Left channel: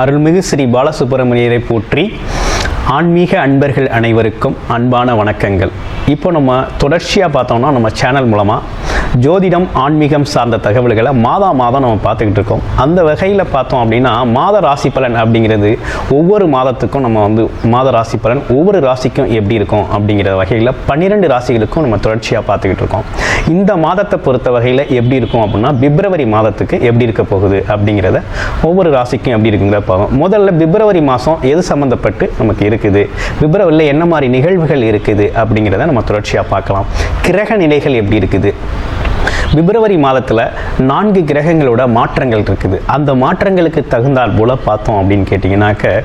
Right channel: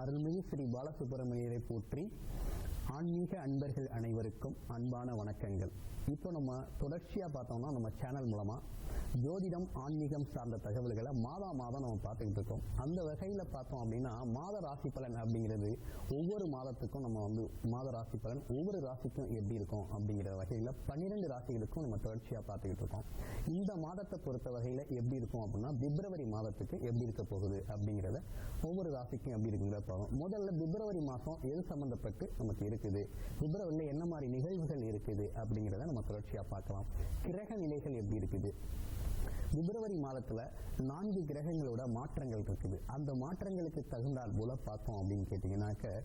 அருள்மிகு ஸ்ரீ பாலசுப்பிரமணியரை போற்றி ஆன்மீக அன்பர்கள் அனைவருக்கும் அன்பான வணக்கங்கள். இப்போ நம்ம தொடர்ச்சியாக பார்த்தோம்னா நம்ம சேனல் மூலமாக ஜோதிடம் ஆன்மீகம் சார்ந்த தகவல்களை மாதா மாதம் நம்ம பார்த்துக்கிட்டு இருக்கோம். அந்த வகையில் பார்த்தோம் அப்படின்னா மாத ராசி பலன் அப்படிங்கிறது ஒவ்வொரு மாதத்துக்கும் நம்ம வந்து மாத ராசி பலன் ஒவ்வொரு ராசிக்கும் எப்படி இருக்கும் அப்படிங்கிற வகையில் பன்னிரெண்டு ராசிகளுக்கும் நம்ம தொடர்ச்சியாக பார்த்துக்கிட்டு இருக்கோம். இந்த மாதத்தை பொறுத்த வகையில் எப்படி இருக்கும் அப்படின்னா பிப்ரவரி மாதத்துக்கு எப்படி இருக்க போகுது அப்படிங்கிறத ஒவ்வொரு ராசிக்கும் எப்படி இருக்குங்கிற பார்ப்போம். முதல்ல பிப்ரவரி மாதம் எது சம்மந்தப்பட்டு நமக்கு இருக்குது? பிப்ரவரியில் என்ன மாதிரி நிகழ்வுகள் இருக்குது அப்படிங்கிறத நம்ம தொடர்ச்சியாக பார்க்கலாம். கிரக நிலைகள் எப்படி இருக்குது? பிப்ரவரி மாதத்தில் நான்கு கிரகங்களோட மாற்றங்கள் இருக்குது. அந்த மாற்றங்களுக்கு தகுந்தால் போல் பார்த்தோம் அப்படின்னு கேட்டிங்கனாக்க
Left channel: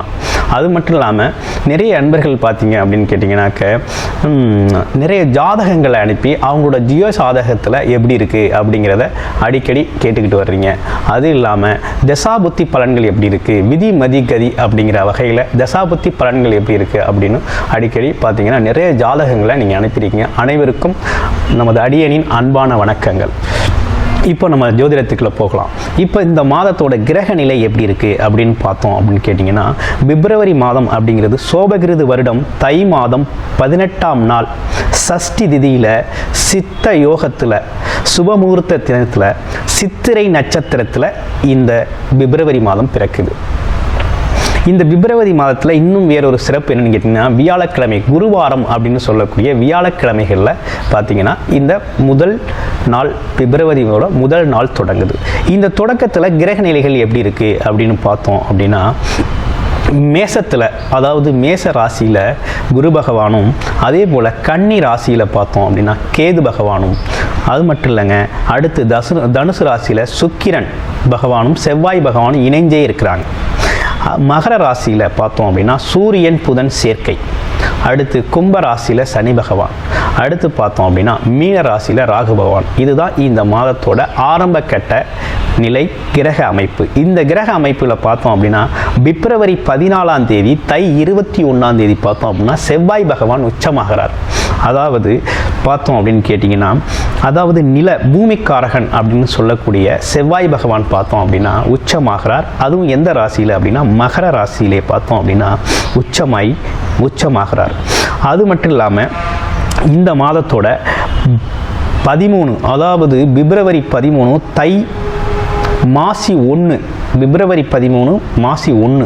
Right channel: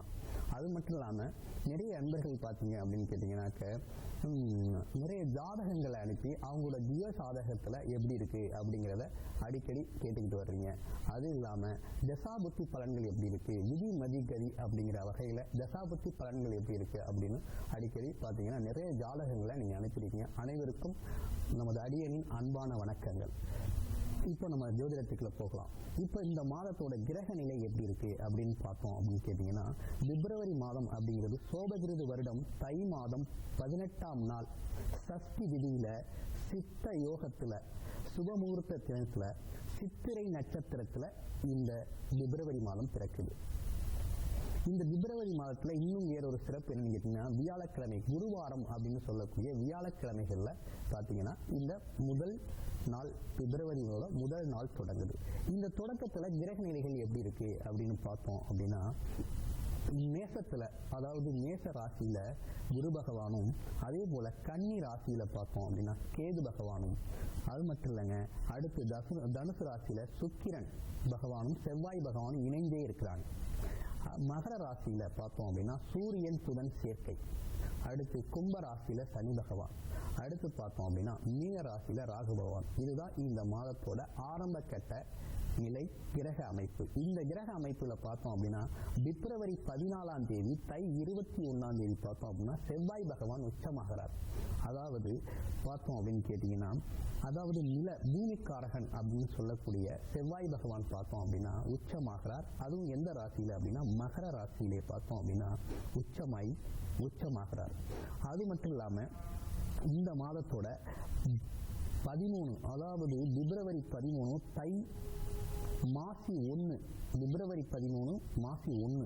அது மட்டும் இல்லாமல் நிறைய அன்பர்கள் பார்த்தீங்க அப்படின்னு கேட்டிங்கனாக்க நிறைய ஜாதகங்களை அனுப்பி அவங்களோட ஜியோ சாதகத்தில் எப்படி இருக்குது அப்படிங்கிறத அடிக்கடி கேட்டுக்கிட்டு வர்றீங்க. அது இல்லாமல் தசாபுத்தி பலன்கள் எப்படி இருக்குது விதி மதி கதி அப்படிங்கிற வகையில் தசாபுத்தி பலன்கள் எப்படி இருக்குது அப்படின்னு அடிக்கடி பார்த்தீங்கன்னா நிறைய ஜாதகங்களை நீங்கள் அனுப்பியிருக்கீங்க. அனைவருக்கும் நமது அடியனின் அன்பான வணக்கங்கள். இப்போ நம்ம ஜோதிடத்துக்குள்ள போகலாம். இப்போ இந்த மாதத்தோட கிரக நிலை எப்படி இருக்குது அப்படின்னு பார்த்தோம் அப்படின்னு கேட்டிங்கன்னா பிப்ரவரி மாதம் அப்படிங்கிறது சோபகிருது வருடம் தை மாதம் பதினெட்டாம் நாள். சஷ்டி திதியில் சித்த யோகத்தில் சுபமுகூர்த்த தினத்தில் சித்திரை நட்சத்திரத்தில் இந்த பிப்ரவரி மாதம் பிறக்குது. இந்த பிப்ரவரி மாதத்தில் இன்னும் வேறொரு சிறப்பு என்னென்னு கேட்டிங்கன்னா வியாழக்கிழமை குருவாரம் அப்படின்னு சொல்லக்கூடிய வியாழக்கிழமைகளில் பார்த்தீங்கன்னா இந்த முதல் நாள் பிப்ரவரியோட முதல் நாள் தொடங்குது. இந்த தொடக்கத்தில் கிரக நிலைகள் எப்படி இருக்குது அப்படின்னு பார்த்தோம் அப்படின்னா மேசத்தில் அதாவது மேச ராசியில் குரு பகவானும் அதே போல் கன்னி ராசியில் பார்த்தோம் அப்படின்னா கேது பகவானும். அது மட்டும் இல்லைங்க அடுத்து தசு தனுசு ராசியில் சுக்கிரன் பகவானும் செவ்வாய் பகவானும் இணைஞ்சே இருக்கிறாங்க. மகர ராசியில் பார்த்தோம் அப்படின்னா சூரியன் புதன் சேர்க்கை. அடுத்து கும்ப ராசியில் சனி பகவான். அடுத்து பார்த்தோம் அப்படின்னா மீன ராசியில் ராகு பகவான். இதுதான் இந்த மாதத்தோட ஆரம்ப கட்ட நிலை கிரக அமைப்பு. இந்த கிரக அமைப்பில் பார்த்தோம் அப்படின்னா பிப்ரவரி பதினாலாம் தேதி தை இருபத்தி ஒன்றாம் தேதி பார்த்தோம் அப்படின்னா செவ்வாய் பகவான் உச்சமாகிறார். அதாவது பார்த்தோம் அப்படின்னு கேட்டிங்கன்னா அதாவது நில பூமிக்காரகன் அப்படின்னு சொல்லக்கூடிய செவ்வாய் பகவான் பார்த்தோம் அப்படின்னா உச்சமாகிறார். அதுவும் எந்த ராசியில் அப்படின்னா மகர ராசியிலே பார்த்தோம் அப்படின்னா உச்சமாய் உச்சமாகிறார். அது மட்டும் இல்லாமல் இந்த மாதத்தோட பதிமூணு அதாவது பிப்ரவரி பதிமூணு தை மாசி ஒன்று பிப்ரவரி பதிமூணு மாசி ஒன்று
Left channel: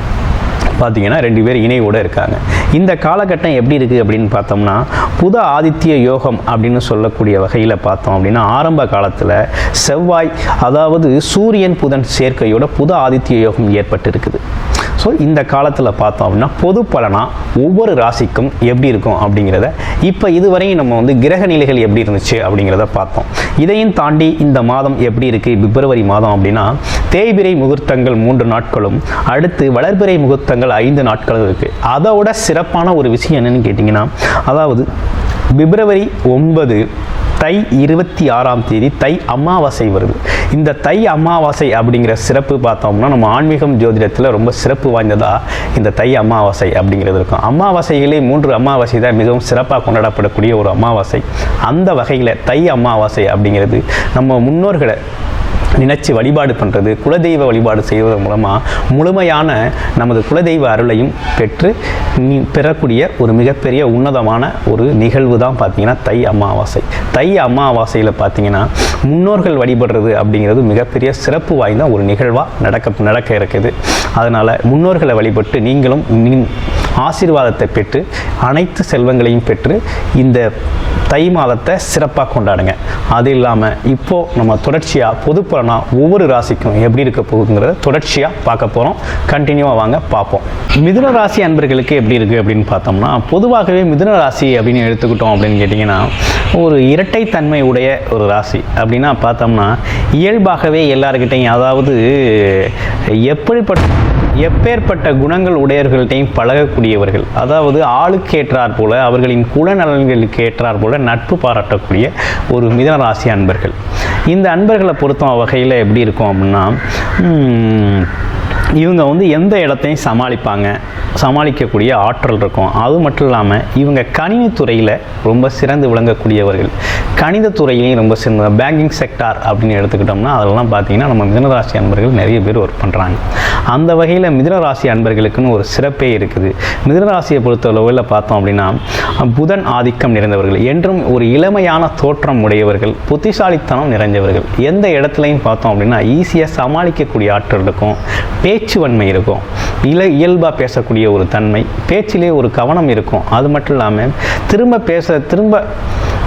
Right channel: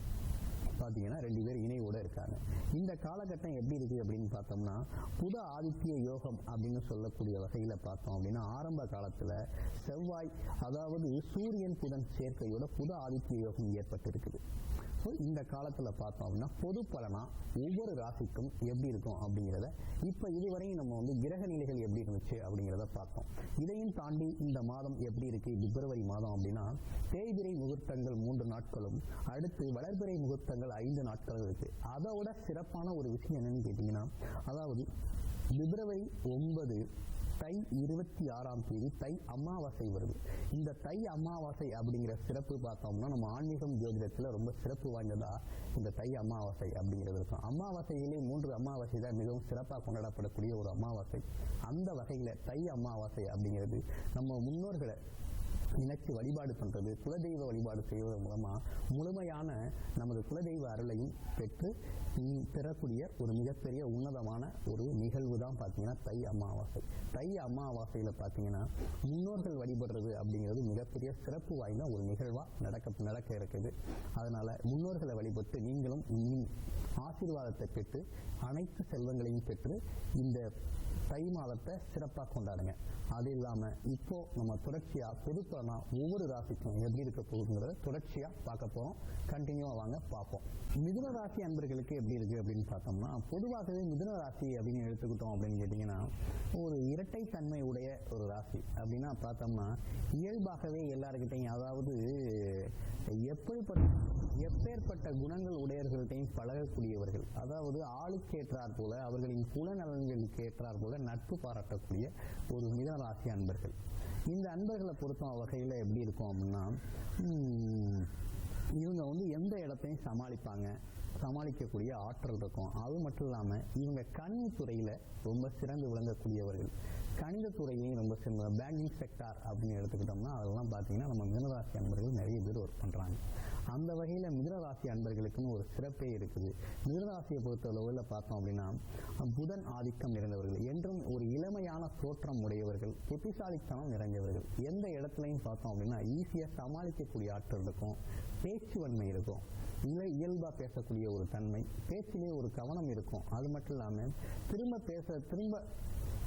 பார்த்தீங்கன்னா ரெண்டு பேர் இணையோட இருக்காங்க. இந்த காலகட்டம் எப்படி இருக்குது அப்படின்னு பார்த்தோம்னா புத ஆதித்ய யோகம் அப்படின்னு சொல்லக்கூடிய வகையில் பார்த்தோம் அப்படின்னா ஆரம்ப காலத்தில் செவ்வாய் அதாவது சூரியன் புதன் சேர்க்கையோட புத ஆதித்ய யோகம் ஏற்பட்டு இருக்குது ஸோ இந்த காலத்தில் பார்த்தோம் அப்படின்னா பொது பலனாக ஒவ்வொரு ராசிக்கும் எப்படி இருக்கும் அப்படிங்கிறத இப்போ இதுவரையும் நம்ம வந்து கிரக நிலைகள் எப்படி இருந்துச்சு அப்படிங்கிறத பார்த்தோம். இதையும் தாண்டி இந்த மாதம் எப்படி இருக்குது பிப்ரவரி மாதம் அப்படின்னா தேய்பிரை முகூர்த்தங்கள் மூன்று நாட்களும் அடுத்து வளர்பிறை முகூர்த்தங்கள் ஐந்து நாட்களும் இருக்குது அதோட சிறப்பான ஒரு விஷயம் என்னென்னு கேட்டிங்கன்னா அதாவது பிப்ரவரி ஒன்பது தை இருபத்தி ஆறாம் தேதி தை அமாவாசை வருது. இந்த தை அமாவாசை அப்படிங்கிற சிறப்பு பார்த்தோம்னா நம்ம ஆன்மீகம் ஜோதிடத்தில் ரொம்ப சிறப்பு வாய்ந்ததாக இந்த தை அமாவாசை அப்படிங்கிறது இருக்கும். அமாவாசைகளே மூன்று அமாவாசை தான் மிகவும் சிறப்பாக கொண்டாடப்படக்கூடிய ஒரு அமாவாசை. அந்த வகையில் தை அமாவாசை அப்படிங்கிறது நம்ம முன்னோர்களை நினைச்சு வழிபாடு பண்ணுறது குலதெய்வ வழிபாடு செய்வதன் மூலமாக முழுமையான நமது குலதெய்வ அருளையும் பெற்று பெறக்கூடிய ஒரு மிகப்பெரிய உன்னதமான ஒரு நிகழ்வு தான் பார்த்தீங்கன்னா தை அமாவாசை. தை அமாவாசையில் பார்த்தீங்கன்னா முன்னோர்கள் வழிபடுறது அப்படிங்கிறது மிகப்பெரிய சிறப்பு வாய்ந்த ஒரு நிகழ்வாக நடக்க நடக்க இருக்குது. அதனால் முன்னோர்களை வழிபட்டு நீங்களும் ஆசீர்வாதத்தை பெற்று அனைத்து செல்வங்களையும் பெற்று இந்த தை மாதத்தை சிறப்பாக கொண்டாடுங்க. அது இல்லாமல் இப்போது நம்ம தொடர்ச்சியாக பொதுப்புற பலனாக ஒவ்வொரு ராசிக்கும் எப்படி இருக்க போகுதுங்கிறத தொடர்ச்சியாக பார்க்க போகிறோம் கண்டினியூவாக வாங்க பார்ப்போம். மிதுன ராசி அன்பர்களுக்கு எப்படி இருக்குது அப்படின்னு பார்த்தோம்னா பொதுவாகவே மிதுன ராசி அப்படின்னு எடுத்துக்கிட்டோம் அப்படின்னு கேட்டிங்கன்னா ஒரு இரட்டைத்தன்மை உடைய ஒரு ராசி அப்படின்னா பார்த்தோம்னா இயல்பாகவே எல்லாருக்கிட்டையும் அதாவது எப்படிப்பட்ட எப்பேற்பட்ட குணங்கள் உடையவர்கள்ட்டையும் பழகக்கூடியவர்கள். அதாவது ஆளுக்கு ஏற்றார் போல அவர்களின் குணநலன்களுக்கு ஏற்றார் போல நட்பு பாராட்டக்கூடிய ஒரு மிதன ராசி அன்பர்கள். இந்த அன்பர்களை பொறுத்த வகையில் எப்படி இருக்கும் அப்படின்னா இவங்க வந்து எந்த இடத்தையும் சமாளிப்பாங்க. சமாளிக்கக்கூடிய ஆற்றல் இருக்கும். அது மட்டும் இல்லாமல் இவங்க கணினித்துறையில் ரொம்ப சிறந்து விளங்கக்கூடியவர்கள். கணிதத்துறையிலையும் ரொம்ப சிறந்த பேங்கிங் செக்டார் அப்படின்னு எடுத்துக்கிட்டோம்னா அதெல்லாம் பார்த்தீங்கன்னா நம்ம மிதனராசி அன்பர்கள் நிறைய பேர் ஒர்க் பண்ணுறாங்க அந்த வகையில் மிதனராசி அன்பர்களுக்குன்னு ஒரு சிறப்பே இருக்குது. மிதனராசியை பொறுத்தளவில் பார்த்தோம் அப்படின்னா புதன் ஆதிக்கம் நிறைந்தவர்கள் என்றும் ஒரு இளமையான தோற்றம் உடையவர்கள் புத்திசாலித்தனம் நிறைஞ்சவர்கள். எந்த இடத்துலையும் பார்த்தோம் அப்படின்னா ஈஸியாக சமாளிக்கக்கூடிய ஆற்றல் இருக்கும். பேச்சுவன்மை இருக்கும். இல இயல்பாக பேசக்கூடிய ஒரு தன்மை பேச்சிலே ஒரு கவனம் இருக்கும். அது மட்டும் இல்லாமல் திரும்ப பேச திரும்ப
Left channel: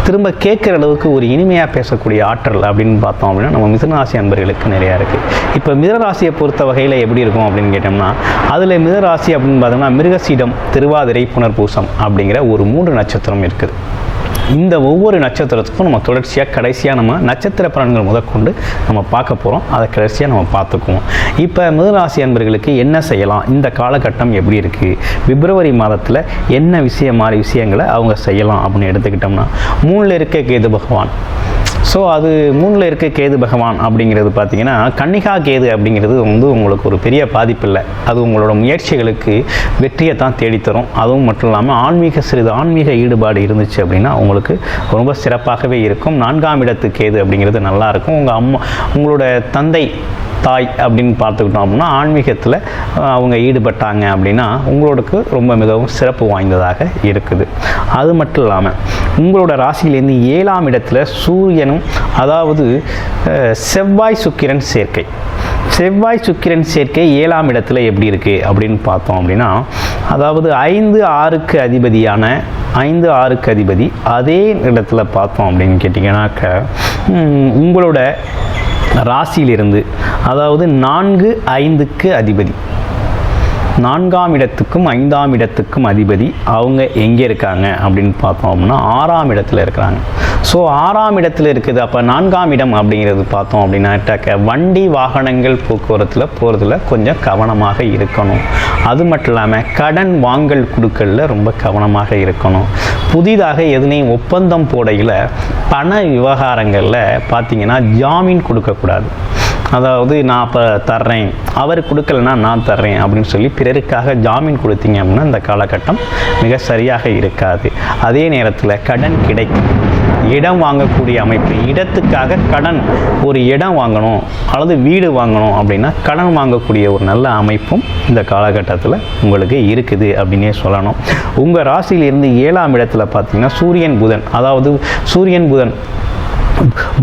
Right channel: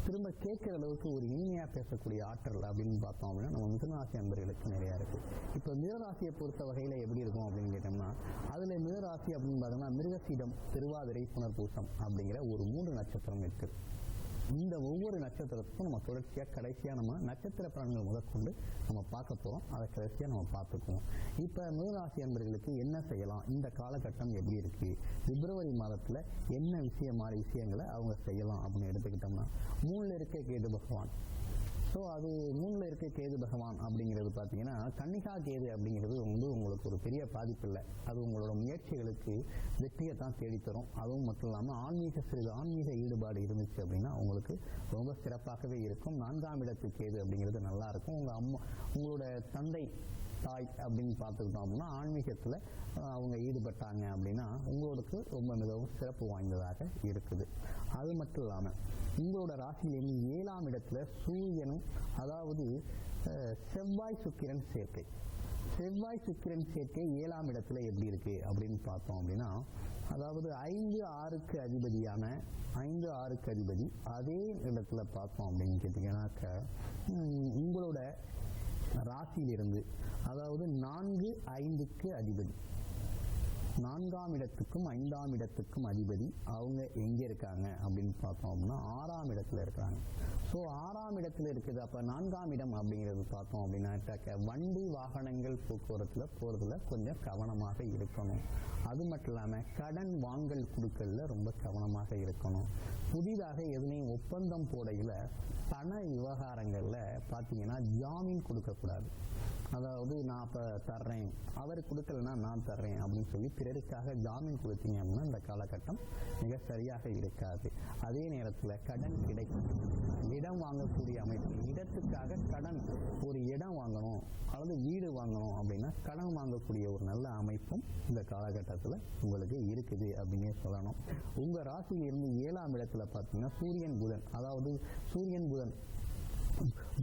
திரும்ப கேட்குற அளவுக்கு ஒரு இனிமையாக பேசக்கூடிய ஆற்றல் அப்படின்னு பார்த்தோம் அப்படின்னா நம்ம மிதனராசி அன்பர்களுக்கு நிறையா இருக்குது இப்போ மிதனராசியை பொறுத்த வகையில் எப்படி இருக்கும் அப்படின்னு கேட்டோம்னா அதில் மிதராசி அப்படின்னு பார்த்தோம்னா மிருகசீடம் திருவாதிரை புனர்பூசம் அப்படிங்கிற ஒரு மூன்று நட்சத்திரம் இருக்குது. இந்த ஒவ்வொரு நட்சத்திரத்துக்கும் நம்ம தொடர்ச்சியாக கடைசியாக நம்ம நட்சத்திர பலன்கள் முதற்கொண்டு நம்ம பார்க்க போகிறோம் அதை கடைசியாக நம்ம பார்த்துக்குவோம். இப்போ மிதராசி அன்பர்களுக்கு என்ன செய்யலாம்? இந்த காலகட்டம் எப்படி இருக்குது பிப்ரவரி மாதத்தில் என்ன விஷயம் மாதிரி விஷயங்களை அவங்க செய்யலாம் அப்படின்னு எடுத்துக்கிட்டோம்னா மூணில் இருக்க கேது பகவான். ஸோ அது மூணில் இருக்க கேது பகவான் அப்படிங்கிறது பார்த்தீங்கன்னா கன்னிகா கேது அப்படிங்கிறது வந்து உங்களுக்கு ஒரு பெரிய பாதிப்பு இல்லை அது உங்களோட முயற்சிகளுக்கு வெற்றியை தான் தேடித்தரும். அதுவும் மட்டும் இல்லாமல் ஆன்மீக சிறிது ஆன்மீக ஈடுபாடு இருந்துச்சு அப்படின்னா உங்களுக்கு ரொம்ப சிறப்பாகவே இருக்கும். நான்காம் இடத்து கேது அப்படிங்கிறது நல்லாயிருக்கும் உங்கள் அம்மா உங்களோட தந்தை தாய் அப்படின்னு பார்த்துக்கிட்டோம் அப்படின்னா ஆன்மீகத்தில் அவங்க ஈடுபட்டாங்க அப்படின்னா உங்களுக்கு ரொம்ப மிகவும் சிறப்பு வாய்ந்ததாக இருக்குது. அது மட்டும் இல்லாமல் உங்களோட ராசியிலேருந்து ஏழாம் இடத்துல சூரியனும் அதாவது செவ்வாய் சுக்கிரன் சேர்க்கை. செவ்வாய் சுக்கிரன் சேர்க்கை ஏழாம் இடத்துல எப்படி இருக்குது அப்படின்னு பார்த்தோம் அப்படின்னா அதாவது ஐந்து ஆறுக்கு அதிபதியான ஐந்து ஆறுக்கு அதிபதி அதே இடத்துல பார்த்தோம் அப்படின்னு கேட்டிங்கன்னாக்க உங்களோட ராசியிலிருந்து அதாவது நான்கு ஐந்துக்கு அதிபதி. நான்காம் இடத்துக்கும் ஐந்தாம் இடத்துக்கும் அதிபதி அவங்க எங்கே இருக்காங்க அப்படின்னு பார்த்தோம் அப்படின்னா ஆறாம் இடத்துல இருக்கிறாங்க. ஸோ ஆறாம் இடத்துல இருக்குது. அப்போ நான்காம் இடம் அப்படிங்கிறது பார்த்தோம் அப்படின்னாட்டாக்க வண்டி வாகனங்கள் போக்குவரத்தில் போகிறதுல கொஞ்சம் கவனமாக இருக்கணும். அது மட்டும் இல்லாமல் கடன் வாங்கல் கொடுக்கலில் ரொம்ப கவனமாக இருக்கணும். புதிதாக எதுனையும் ஒப்பந்தம் போடையில் பண விவகாரங்களில் பார்த்திங்கன்னா ஜாமீன் கொடுக்கக்கூடாது. அதாவது நான் அப்போ தர்றேன். அவர் கொடுக்கலனா நான் தர்றேன் அப்படின்னு சொல்லி பிறருக்காக ஜாமீன் கொடுத்தீங்க அப்படின்னா இந்த காலகட்டம் மிக சரியாக இருக்காது. அதே நேரத்தில் கடன் கிடைக்கும். இடம் வாங்கக்கூடிய அமைப்பு இடத்துக்காக கடன் ஒரு இடம் வாங்கணும் அல்லது வீடு வாங்கணும் அப்படின்னா கடன் வாங்கக்கூடிய ஒரு நல்ல அமைப்பும் இந்த காலகட்டத்தில் உங்களுக்கு இருக்குது அப்படின்னே சொல்லணும். உங்கள் ராசியிலிருந்து ஏழாம் இடத்துல பார்த்தீங்கன்னா சூரியன் புதன் அதாவது சூரியன் புதன்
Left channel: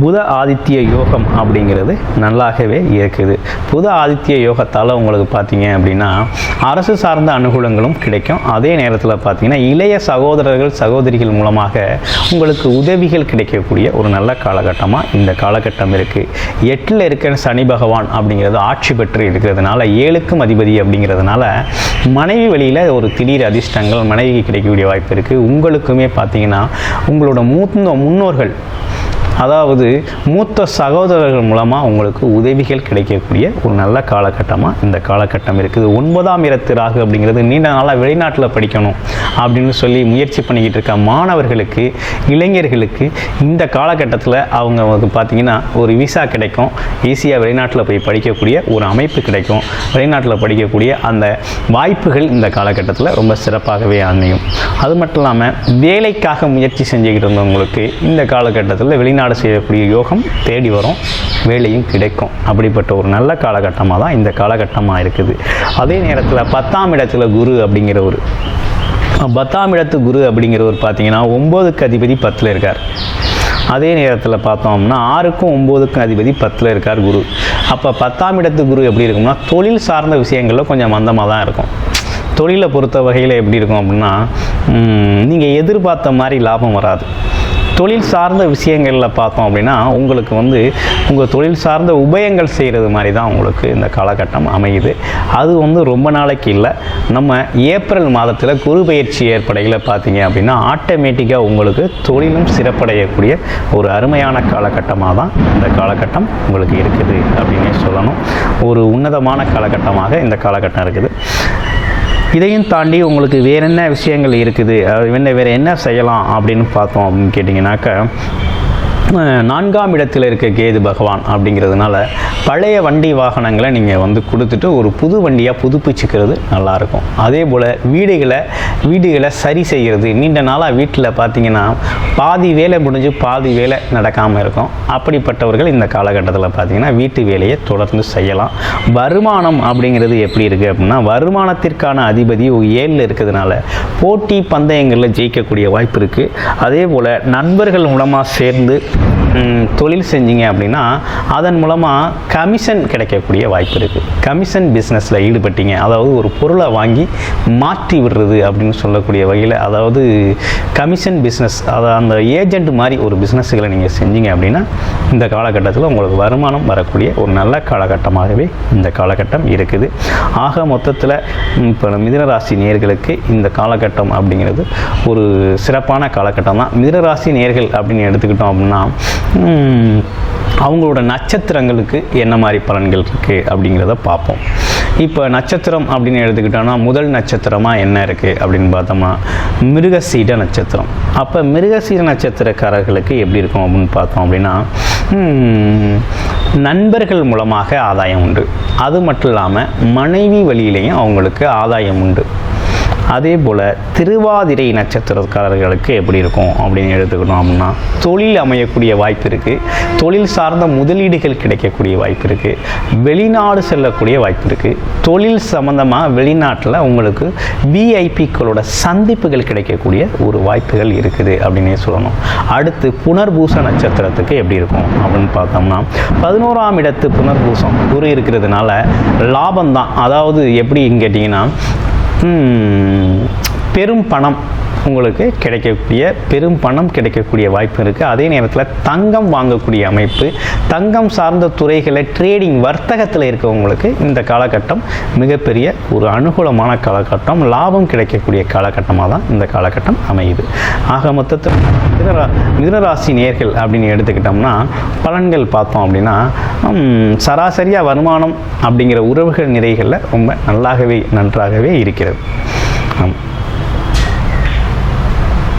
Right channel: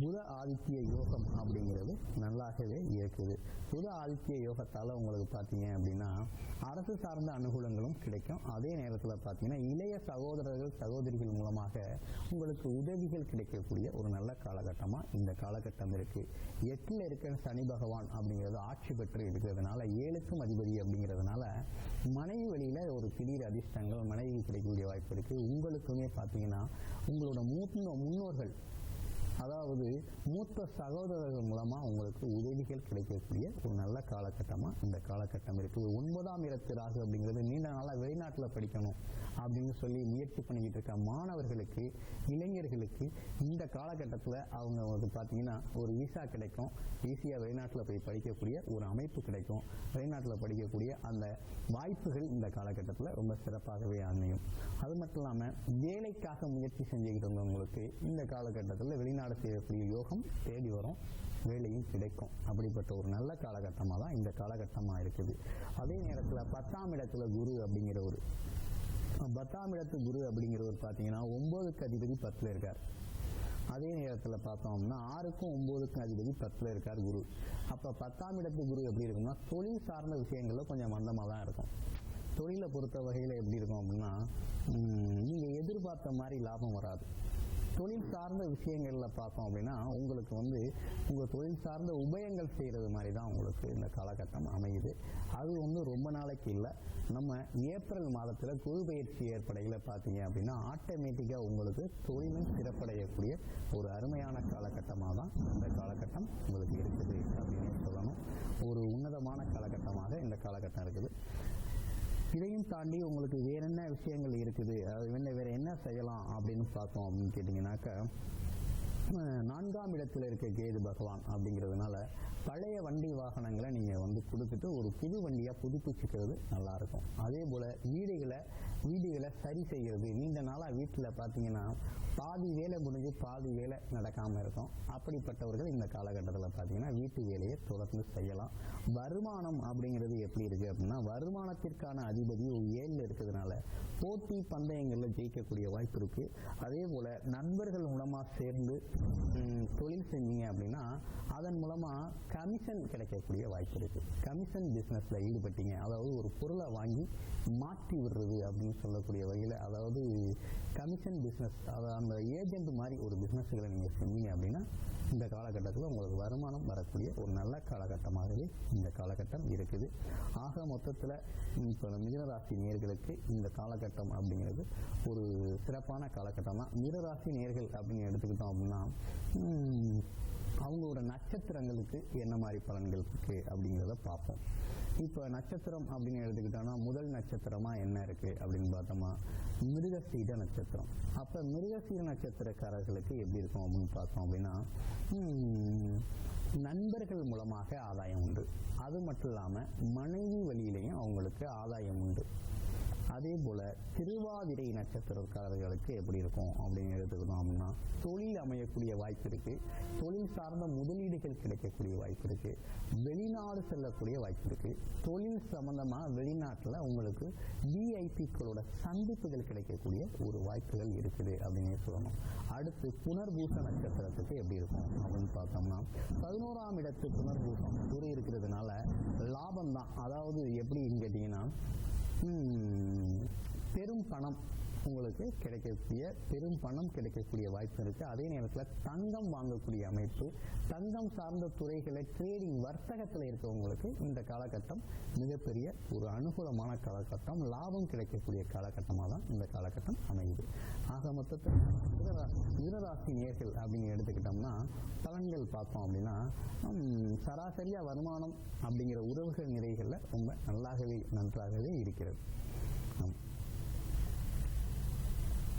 புத ஆதித்ய யோகம் அப்படிங்கிறது நல்லாகவே இருக்குது. புத ஆதித்ய யோகத்தால் உங்களுக்கு பார்த்தீங்க அப்படின்னா அரசு சார்ந்த அனுகூலங்களும் கிடைக்கும். அதே நேரத்தில் பார்த்தீங்கன்னா இளைய சகோதரர்கள் சகோதரிகள் மூலமாக உங்களுக்கு உதவிகள் கிடைக்கக்கூடிய ஒரு நல்ல காலகட்டமாக இந்த காலகட்டம் இருக்குது எட்டில் இருக்கிற சனி பகவான் அப்படிங்கிறது ஆட்சி பெற்று இருக்கிறதுனால ஏழுக்கும் அதிபதி அப்படிங்கிறதுனால மனைவி வழியில் ஒரு திடீர் அதிர்ஷ்டங்கள் மனைவிக்கு கிடைக்கக்கூடிய வாய்ப்பு இருக்குது உங்களுக்குமே பார்த்தீங்கன்னா உங்களோட மூத்த முன்னோர்கள் அதாவது மூத்த சகோதரர்கள் மூலமாக உங்களுக்கு உதவிகள் கிடைக்கக்கூடிய ஒரு நல்ல காலகட்டமாக இந்த காலகட்டம் இருக்குது. ஒன்பதாம் இடத்து ராகு அப்படிங்கிறது நீண்ட நாளாக வெளிநாட்டில் படிக்கணும் அப்படின்னு சொல்லி முயற்சி பண்ணிக்கிட்டு இருக்க மாணவர்களுக்கு இளைஞர்களுக்கு இந்த காலகட்டத்தில் அவங்க வந்து பார்த்திங்கன்னா ஒரு விசா கிடைக்கும். ஈஸியாக வெளிநாட்டில் போய் படிக்கக்கூடிய ஒரு அமைப்பு கிடைக்கும். வெளிநாட்டில் படிக்கக்கூடிய அந்த வாய்ப்புகள் இந்த காலகட்டத்தில் ரொம்ப சிறப்பாகவே அமையும். அது மட்டும் இல்லாமல் வேலைக்காக முயற்சி செஞ்சுக்கிட்டு இருந்தவங்களுக்கு இந்த காலகட்டத்தில் வெளிநாடு வெளிநாடு செய்யக்கூடிய யோகம் தேடி வரும் வேலையும் கிடைக்கும். அப்படிப்பட்ட ஒரு நல்ல காலகட்டமாக தான் இந்த காலகட்டமாக இருக்குது. அதே நேரத்தில் பத்தாம் இடத்துல குரு அப்படிங்கிற ஒரு பத்தாம் இடத்து குரு அப்படிங்கிறவர் பார்த்தீங்கன்னா ஒம்போதுக்கு அதிபதி பத்தில் இருக்கார். அதே நேரத்தில் பார்த்தோம்னா ஆறுக்கும் ஒம்போதுக்கும் அதிபதி பத்தில் இருக்கார் குரு. அப்போ பத்தாம் இடத்து குரு எப்படி இருக்கும்னா தொழில் சார்ந்த விஷயங்களில் கொஞ்சம் மந்தமாக தான் இருக்கும். தொழிலை பொறுத்த வகையில் எப்படி இருக்கும் அப்படின்னா நீங்கள் எதிர்பார்த்த மாதிரி லாபம் வராது. தொழில் சார்ந்த விஷயங்களில் பார்த்தோம் அப்படின்னா உங்களுக்கு வந்து உங்கள் தொழில் சார்ந்த உபயங்கள் செய்கிறது மாதிரி தான் உங்களுக்கு இந்த காலகட்டம் அமையுது. அது வந்து ரொம்ப நாளைக்கு இல்லை. நம்ம ஏப்ரல் மாதத்தில் குரு பயிற்சி ஏற்படையில் பார்த்தீங்க அப்படின்னா ஆட்டோமேட்டிக்காக உங்களுக்கு தொழிலும் சிறப்படையக்கூடிய ஒரு அருமையான காலகட்டமாக தான் இந்த காலகட்டம் உங்களுக்கு இருக்குது அப்படின்னே சொல்லணும். ஒரு உன்னதமான காலகட்டமாக இந்த காலகட்டம் இருக்குது. இதையும் தாண்டி உங்களுக்கு வேற என்ன விஷயங்கள் இருக்குது? அது என்ன வேறு என்ன செய்யலாம் அப்படின்னு பார்த்தோம் அப்படின்னு கேட்டிங்கனாக்கா நான்காம் இடத்தில் இருக்க கேது பகவான் அப்படிங்கிறதுனால பழைய வண்டி வாகனங்களை நீங்கள் வந்து கொடுத்துட்டு ஒரு புது வண்டியாக புதுப்பிச்சுக்கிறது நல்லாயிருக்கும். அதே போல் வீடுகளை வீடுகளை சரி செய்கிறது. நீண்ட நாளாக வீட்டில் பார்த்தீங்கன்னா பாதி வேலை முடிஞ்சு பாதி வேலை நடக்காமல் இருக்கும். அப்படிப்பட்டவர்கள் இந்த காலகட்டத்தில் பார்த்தீங்கன்னா வீட்டு வேலையை தொடர்ந்து செய்யலாம். வருமானம் அப்படிங்கிறது எப்படி இருக்குது அப்படின்னா வருமானத்திற்கான அதிபதி ஏழில் இருக்கிறதுனால போட்டி பந்தயங்களில் ஜெயிக்கக்கூடிய வாய்ப்பு இருக்குது அதே போல் நண்பர்கள் மூலமாக சேர்ந்து தொழில் செஞ்சீங்க அப்படின்னா அதன் மூலமாக கமிஷன் கிடைக்கக்கூடிய வாய்ப்பு இருக்குது கமிஷன் பிஸ்னஸில் ஈடுபட்டீங்க. அதாவது ஒரு பொருளை வாங்கி மாற்றி விடுறது அப்படின்னு சொல்லக்கூடிய வகையில் அதாவது கமிஷன் பிஸ்னஸ் அதாவது அந்த ஏஜென்ட் மாதிரி ஒரு பிஸ்னஸ்களை நீங்கள் செஞ்சீங்க அப்படின்னா இந்த காலகட்டத்தில் உங்களுக்கு வருமானம் வரக்கூடிய ஒரு நல்ல காலகட்டமாகவே இந்த காலகட்டம் இருக்குது. ஆக மொத்தத்தில் இப்போ மிதனராசி நேர்களுக்கு இந்த காலகட்டம் அப்படிங்கிறது ஒரு சிறப்பான காலகட்டம் தான் மிதனராசி நேர்கள் அப்படின்னு எடுத்துக்கிட்டோம் அப்படின்னா அவங்களோட நட்சத்திரங்களுக்கு என்ன மாதிரி பலன்கள் இருக்குது அப்படிங்கிறத பார்ப்போம். இப்போ நட்சத்திரம் அப்படின்னு எடுத்துக்கிட்டோம்னா முதல் நட்சத்திரமாக என்ன இருக்குது அப்படின்னு பார்த்தோம்னா மிருகசீட நட்சத்திரம். அப்போ மிருகசீட நட்சத்திரக்காரர்களுக்கு எப்படி இருக்கும் அப்படின்னு பார்த்தோம் அப்படின்னா நண்பர்கள் மூலமாக ஆதாயம் உண்டு. அது மட்டும் இல்லாமல் மனைவி வழியிலையும் அவங்களுக்கு ஆதாயம் உண்டு. அதே போல் திருவாதிரை நட்சத்திரக்காரர்களுக்கு எப்படி இருக்கும் அப்படின்னு எடுத்துக்கணும் அப்படின்னா தொழில் அமையக்கூடிய வாய்ப்பு இருக்குது தொழில் சார்ந்த முதலீடுகள் கிடைக்கக்கூடிய வாய்ப்பு இருக்குது வெளிநாடு செல்லக்கூடிய வாய்ப்பு இருக்குது தொழில் சம்மந்தமாக வெளிநாட்டில் உங்களுக்கு விஐபிக்களோட சந்திப்புகள் கிடைக்கக்கூடிய ஒரு வாய்ப்புகள் இருக்குது அப்படின்னே சொல்லணும். அடுத்து புனர்பூச நட்சத்திரத்துக்கு எப்படி இருக்கும் அப்படின்னு பார்த்தோம்னா பதினோராம் இடத்து புனர்பூசம் குரு இருக்கிறதுனால லாபம் தான் அதாவது எப்படின்னு கேட்டிங்கன்னா பெரும் பணம். உங்களுக்கு கிடைக்கக்கூடிய பெரும் பணம் கிடைக்கக்கூடிய வாய்ப்பு இருக்குது அதே நேரத்தில் தங்கம் வாங்கக்கூடிய அமைப்பு தங்கம் சார்ந்த துறைகளை ட்ரேடிங் வர்த்தகத்தில் இருக்கவங்களுக்கு இந்த காலகட்டம் மிகப்பெரிய ஒரு அனுகூலமான காலகட்டம். லாபம் கிடைக்கக்கூடிய காலகட்டமாக தான் இந்த காலகட்டம் அமையுது. ஆக மொத்தத்தில் மிதனரா மிதனராசி நேர்கள் அப்படின்னு எடுத்துக்கிட்டோம்னா பலன்கள் பார்த்தோம் அப்படின்னா சராசரியாக வருமானம் அப்படிங்கிற உறவுகள் நிறைகளில் ரொம்ப நல்லாகவே நன்றாகவே இருக்கிறது. ஆம்.